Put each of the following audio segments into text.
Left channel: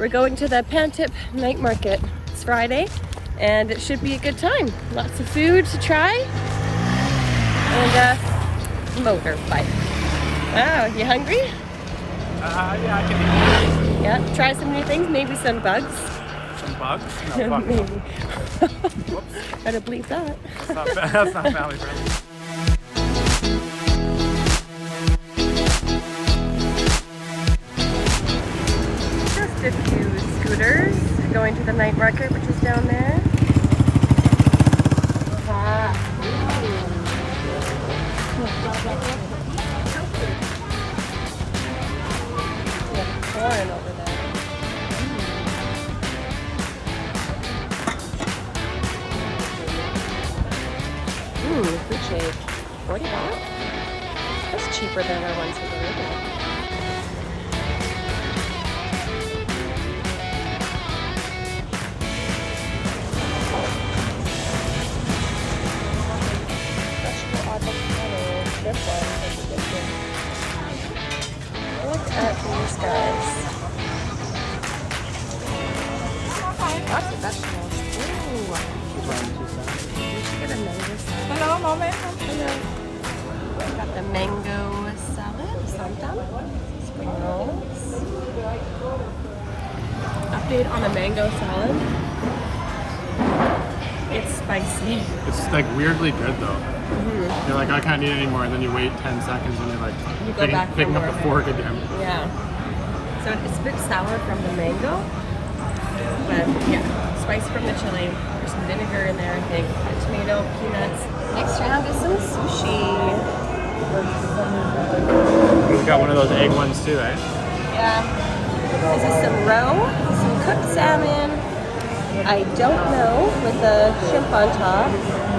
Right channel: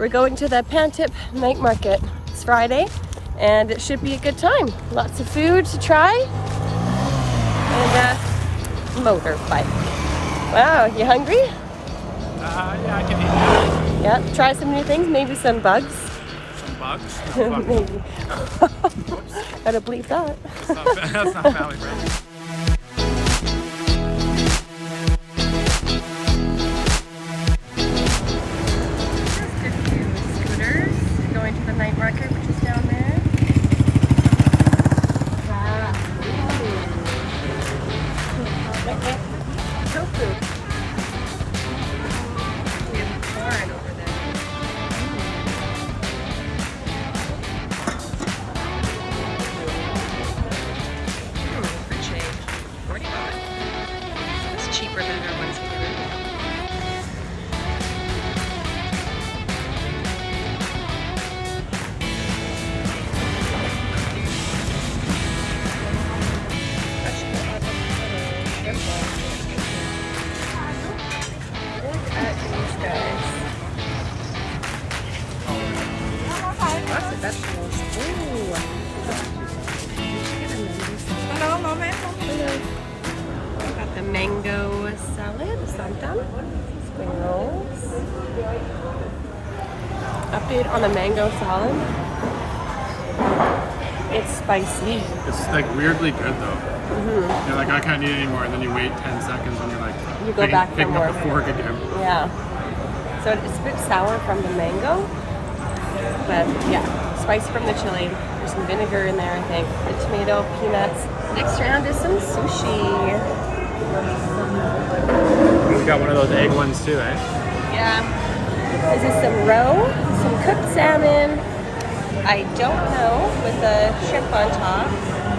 We're going to the Pantip night market. It's Friday and it should be a good time. Lots of food to try and motorbike. Wow, you hungry? Yeah, I can eat that. Yeah, try some new things, maybe some bugs. Some bugs? No, bugs. I don't believe that. That's not family friendly. Just a few scooters going to the night market, which is down there. Tofu. Yeah, corn over there. Food shade. 40 bucks? That's cheaper than our ones we get rid of. Look at these guys. Lots of vegetables. Ooh. Hello, moment. Hello. We've got the mango salad, santan, spring rolls. Update on the mango salad. It's spicy. It's like weirdly good though. You're like, I can't eat it anymore, and then you wait 10 seconds and you're like picking up the fork again. Yeah. So it's a bit sour from the mango, but yeah, spice from the chili. There's some vinegar in there, I think. The tomato, peanuts. Next round is some sushi. We got one of those egg ones too, eh? Yeah. This is some roe, some cooked salmon. I don't know, with the shrimp on top,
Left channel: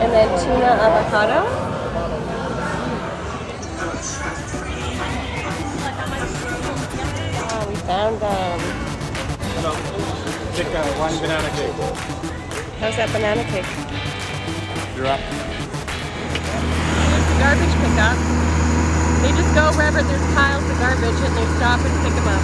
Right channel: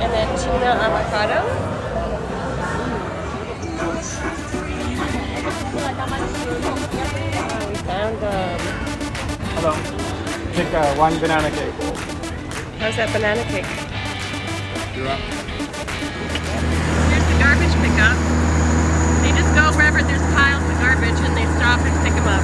and then tuna avocado. Oh, we found them. Hello. Take one banana cake. How's that banana cake? You're up. Here's the garbage pickup. They just go wherever there's piles of garbage and they stop and pick them up.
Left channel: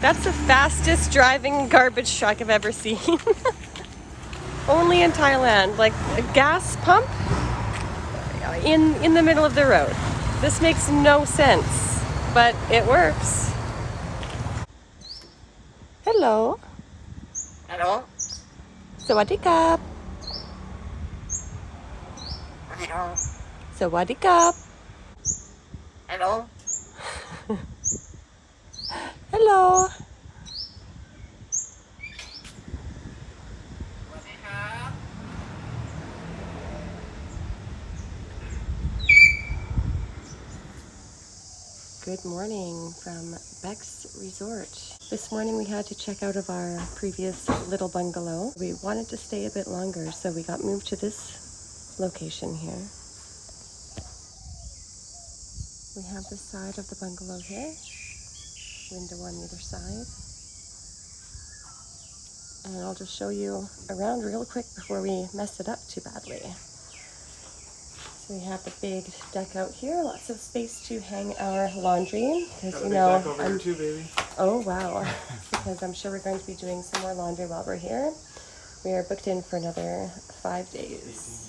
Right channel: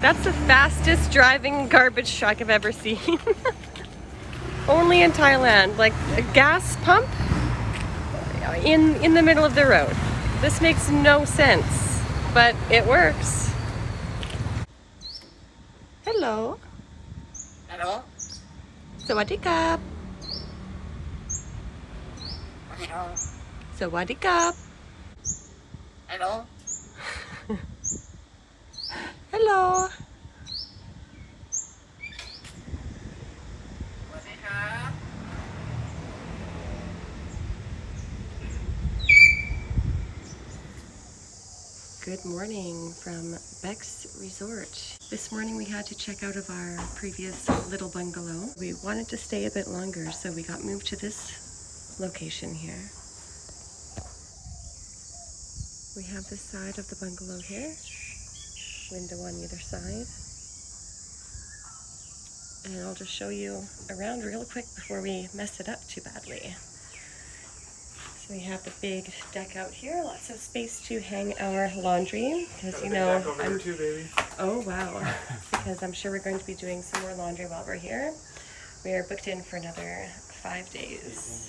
That's the fastest driving garbage truck I've ever seen. Only in Thailand, like a gas pump in the middle of the road. This makes no sense, but it works. Hello. Hello. Sawadee krap. Hello. Sawadee krap. Hello. Hello. Good morning from Beck's Resort. This morning we had to check out of our previous little bungalow. We wanted to stay a bit longer, so we got moved to this location here. We have this side of the bungalow here. Window on either side. And I'll just show you around real quick before we mess it up too badly. So we have the big deck out here, lots of space to hang our laundry, because you know, oh wow, because I'm sure we're going to be doing some more laundry while we're here. We are booked in for another 5 days.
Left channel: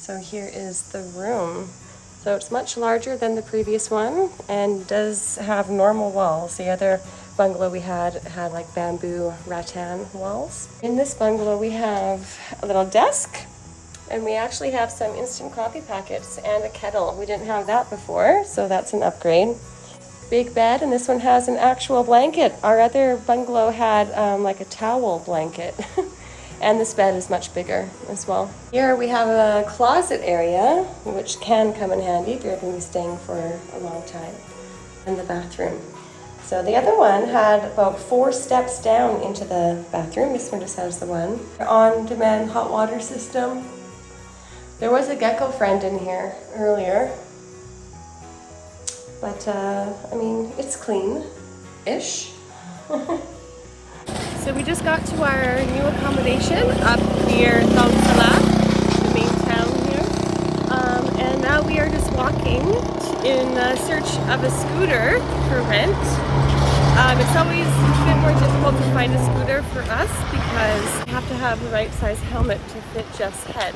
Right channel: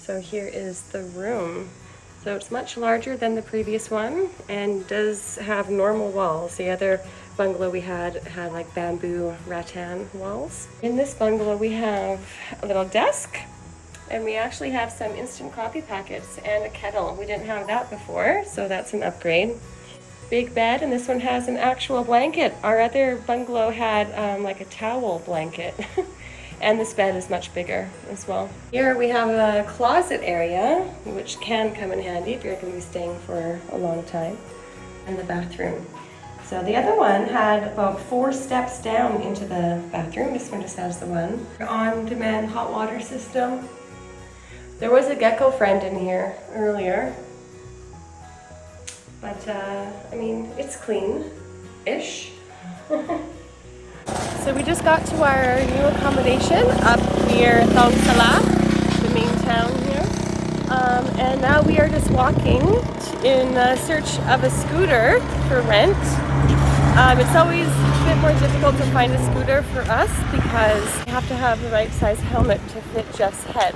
So here is the room. So it's much larger than the previous one and does have normal walls. The other bungalow we had like bamboo rattan walls. In this bungalow we have a little desk and we actually have some instant coffee packets and a kettle. We didn't have that before, so that's an upgrade. Big bed, and this one has an actual blanket. Our other bungalow had like a towel blanket. And this bed is much bigger as well. Here we have a closet area, which can come in handy if you're going to be staying for a long time, and the bathroom. So the other one had about 4 steps down into the bathroom. This one just has the one. On-demand hot water system. There was a gecko friend in here earlier, but I mean, it's clean-ish. So we just got to our new accommodation up near Thong Salat, the main town here. And now we are just walking in search of a scooter for rent. It's always a bit more difficult to find a scooter for us because you have to have the right size helmet to fit Jeff's head.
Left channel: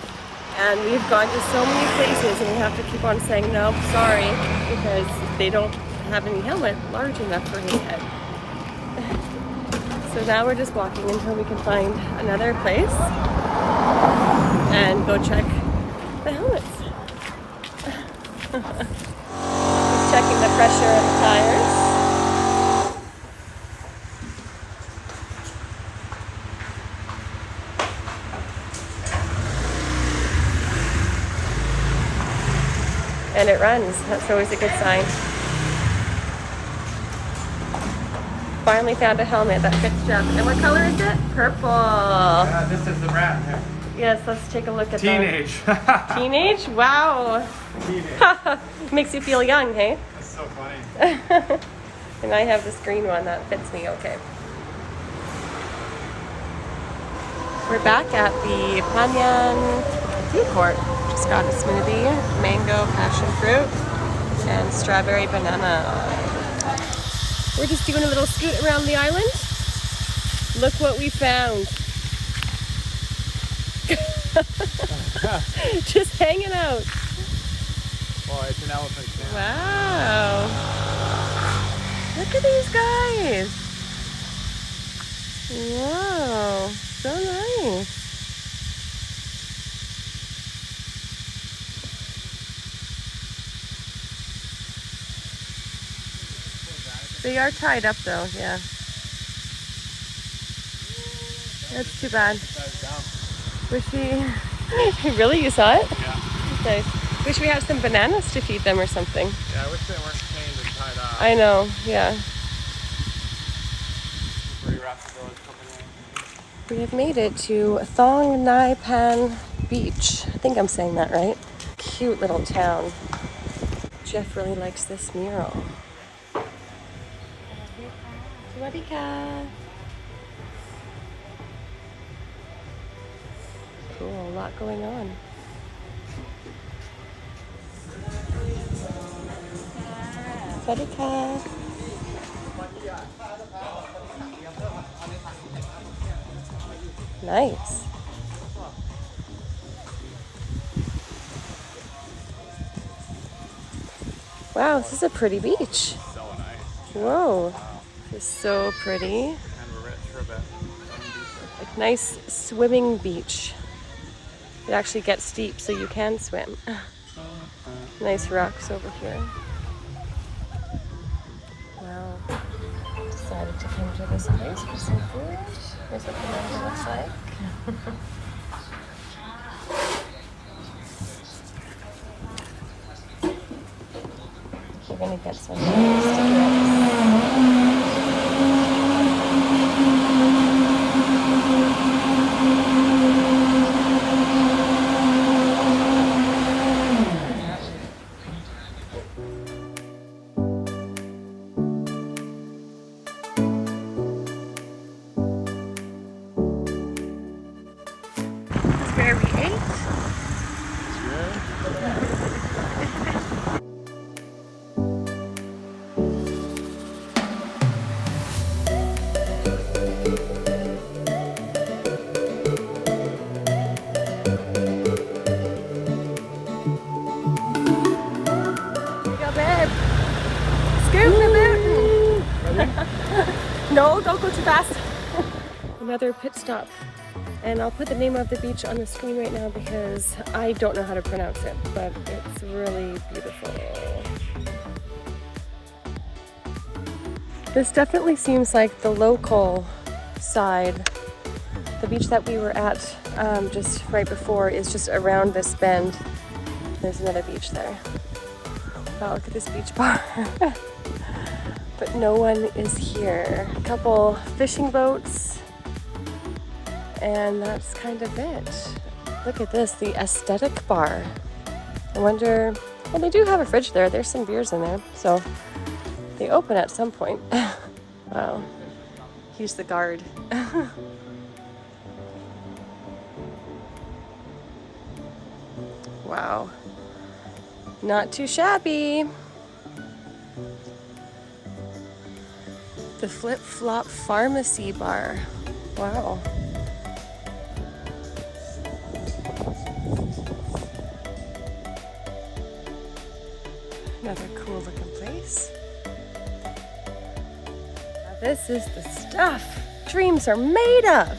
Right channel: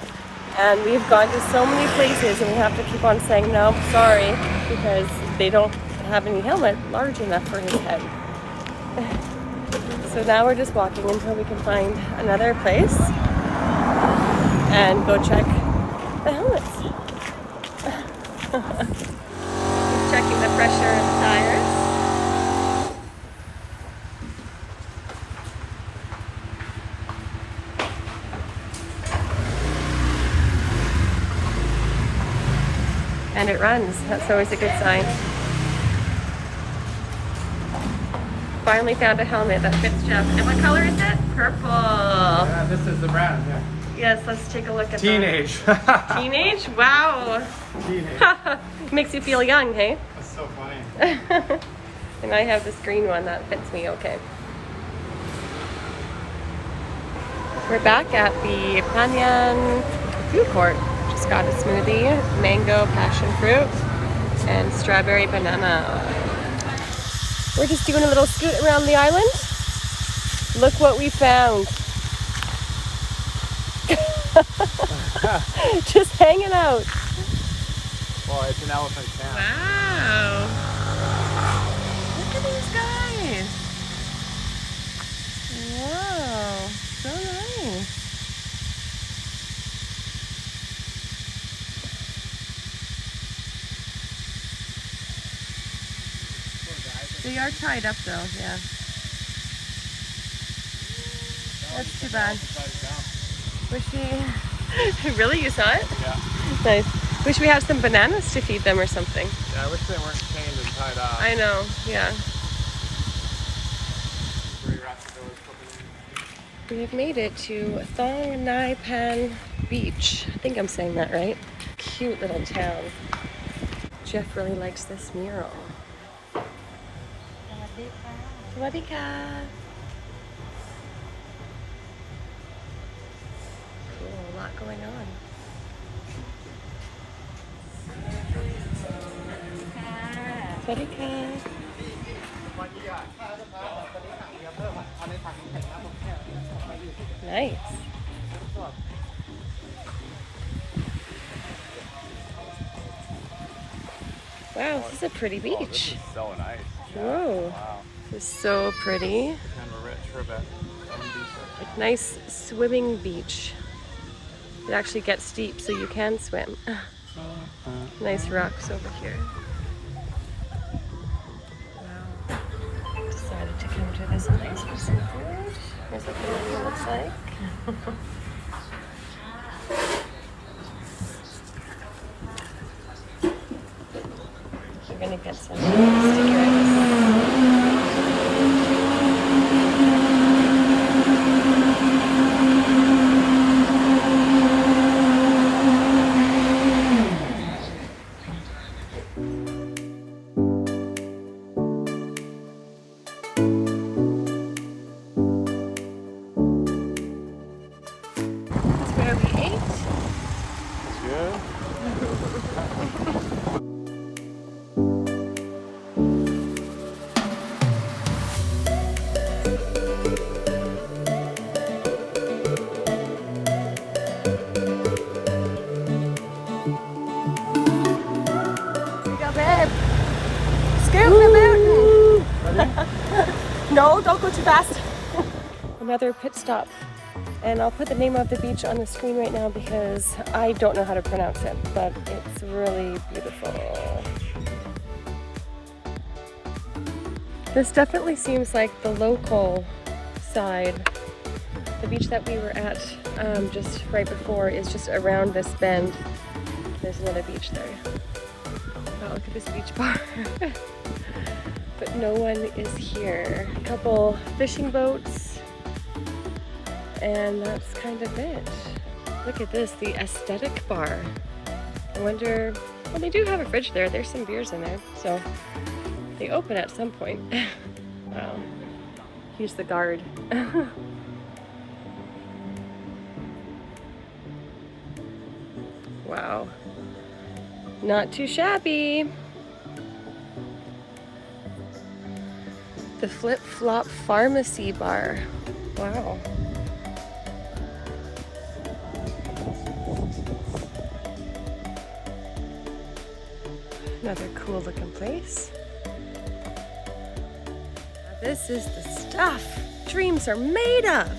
And we've gone to so many places and we have to keep on saying, no, sorry, because they don't have any helmet large enough for his head. So now we're just walking until we can find another place and go check the helmets. He's checking the pressure of the tires. And it runs. That's always a good sign. Finally found a helmet that fits Jeff. And what color is it? Purple. Yeah, this is the brand. Yeah. Yes, let's take a look at Teenage. that. Teenage? Wow. Teenage. Makes you feel young, hey? That's so funny. And I have this green one that fits me okay. We're back at the Phangan food court. Just got a smoothie, mango passion fruit, and strawberry banana. We're just doing a little scoot around the island. Look what we found. Just hanging out. Oh, it's an elephant stand. Wow. Look at these guys. Wow. So nice. They are tied up though, yeah. That's too bad. Wish we... Really? You saw it? Yeah. Nice. Wish we had some bananas to feed them or something. Yeah, I wish they weren't chained and tied up. I know, yeah. We have made it to Thong Nai Pan Beach. I think I'm saying that right. Cute little town. Jeff really likes this mural. Sawadika. Cool, a lot going on. Sawadika. Nice. Wow, this is a pretty beach. So nice. Whoa. This is so pretty. Kind of rich for a Like nice swimming beach. It actually gets steep so you can swim. Nice rocks over here. Wow. Decided to come to this place for some food. Here's what the menu looks like. We're gonna get some stickers. Where we ate. No, don't go too fast. Another pit stop. And I'll put the name of the beach on the screen right now because I don't know how to pronounce it, but it's really beautiful. This definitely seems like the local side. The beach that we were at just right before is just around this bend. There's another beach there. Wow, look at this beach bar. But no one is here. A couple fishing boats, and that's kind of it. Look at this, the aesthetic bar. I wonder, well, they do have a fridge there. There's some beers in there, so they open at some point. Wow, he's the guard. Wow. Not too shabby. The Flip-Flop Pharmacy Bar. Wow. Another cool looking place. Now this is the stuff dreams are made of.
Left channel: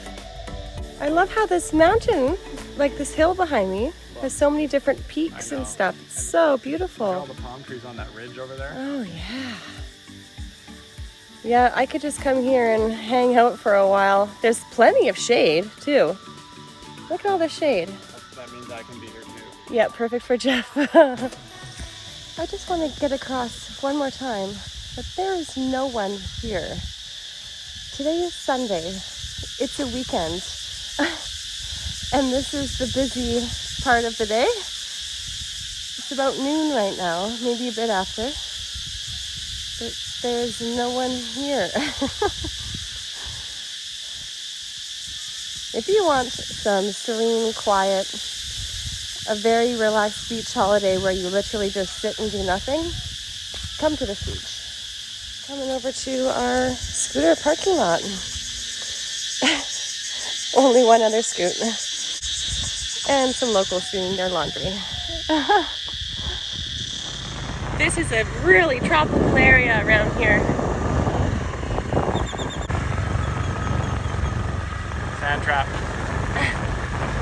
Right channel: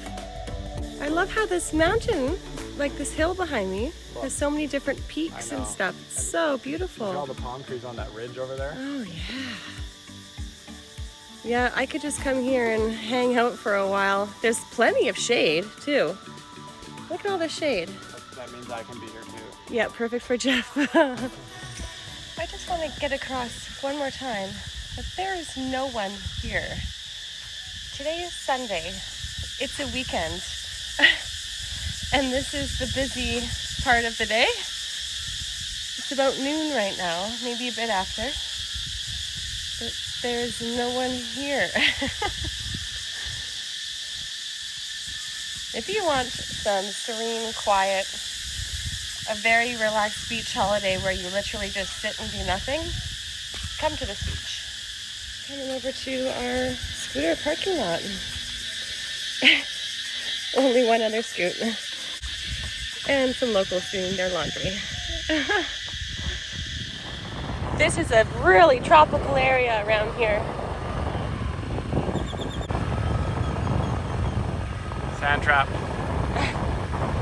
I love how this mountain, like this hill behind me, has so many different peaks and stuff. It's so beautiful. All the palm trees on that ridge over there. Oh yeah. Yeah, I could just come here and hang out for a while. There's plenty of shade too. Look at all the shade. That means I can be here too. Yeah, perfect for Jeff. I just want to get across one more time that there is no one here. Today is Sunday. It's a weekend. And this is the busy part of the day. It's about noon right now, maybe a bit after. But there's no one here. If you want some serene, quiet, a very relaxed beach holiday where you literally just sit and do nothing, come to this beach. Coming over to our scooter parking lot. Only one other scoot. And some locals doing their laundry. This is a really tropical area around here. Sand trap.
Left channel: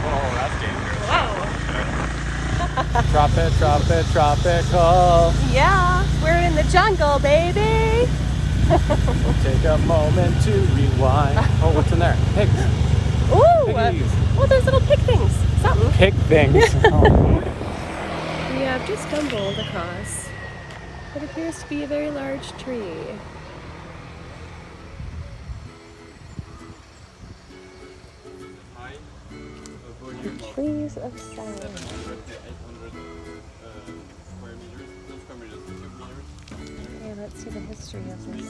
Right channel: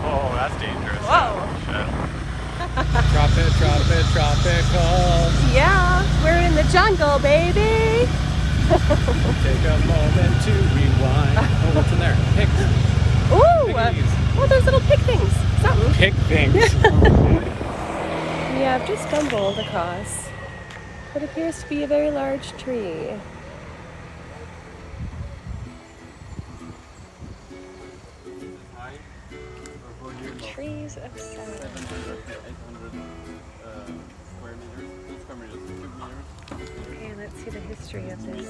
Oh, that's dangerous. Whoa. Tropical. Yeah, we're in the jungle, baby. Take a moment to rewind. Oh, what's in there? Pigs. Ooh, oh, there's little pig things. Something. Pig things. We have just stumbled across what appears to be a very large tree. The trees of silence. Okay, let's see the history of this.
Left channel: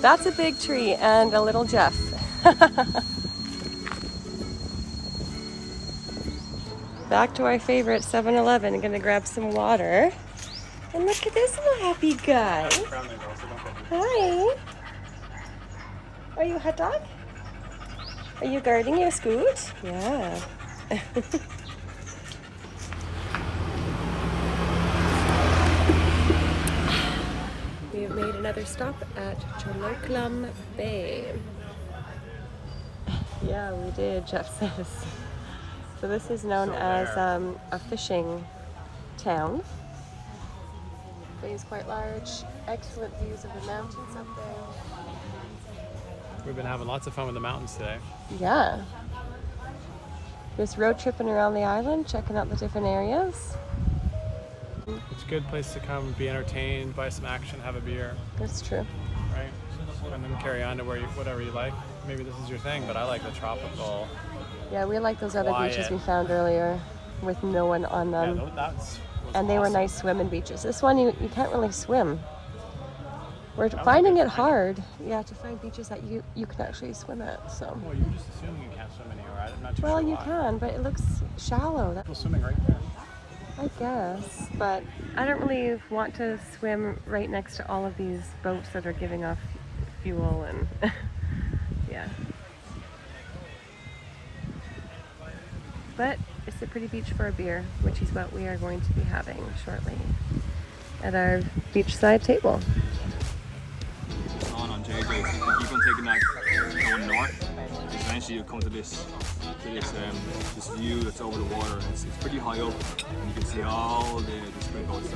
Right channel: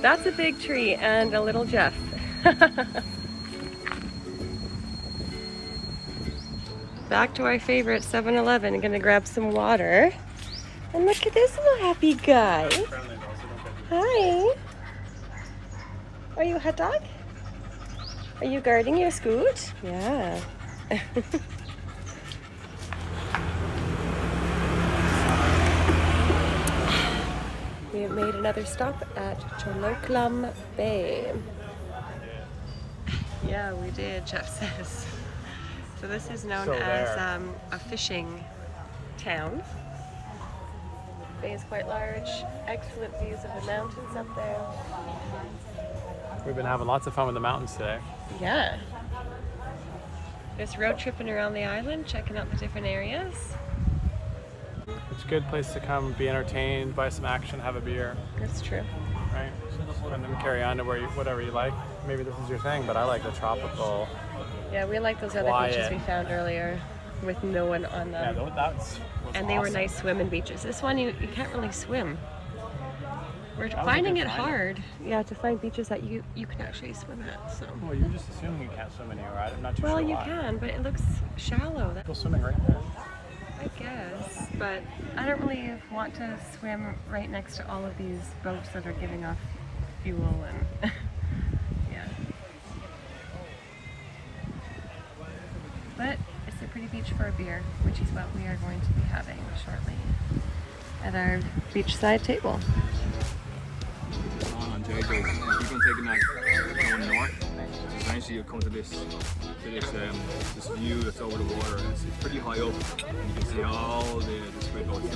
That's a big tree and a little Jeff. Back to our favorite 7-Eleven. I'm gonna grab some water. And look at this little happy guy. Hi. Are you a hot dog? Are you guarding your scoot? Yeah. We have made another stop at Joco Bay. Yeah, we did, Jeff says. So this is known as a fishing town. The bay is quite large. Excellent views of the mountains up there. We've been having lots of fun with the mountains today. Yeah. Just road tripping around the island, checking out the different areas. It's a good place to come, be entertained, buy some action, have a beer. That's true. Right? And then carry on to whatever you like. Maybe this is your thing, but I like the tropical. Yeah, we like those other Quiet. beaches we found earlier with no one on them. And they were nice swimming beaches. This one, you can't really swim. We're finding it hard, to find beaches that you can actually swim at. So. Well, you just assume we can't swim anywhere. I'm not too Well, sure you why. can, but it looks shallow. People swimming right there. I guess, but I don't really want to swim right next to all of these boats that are giving off fuel and yeah. But it's a pretty beach for a beer, which is what we are going to be having shortly at our beachside table. On Joco, you keep on taking that going north, eventually you'll come to this view that's over the water. It's pretty high up, and you can see all the squid boats.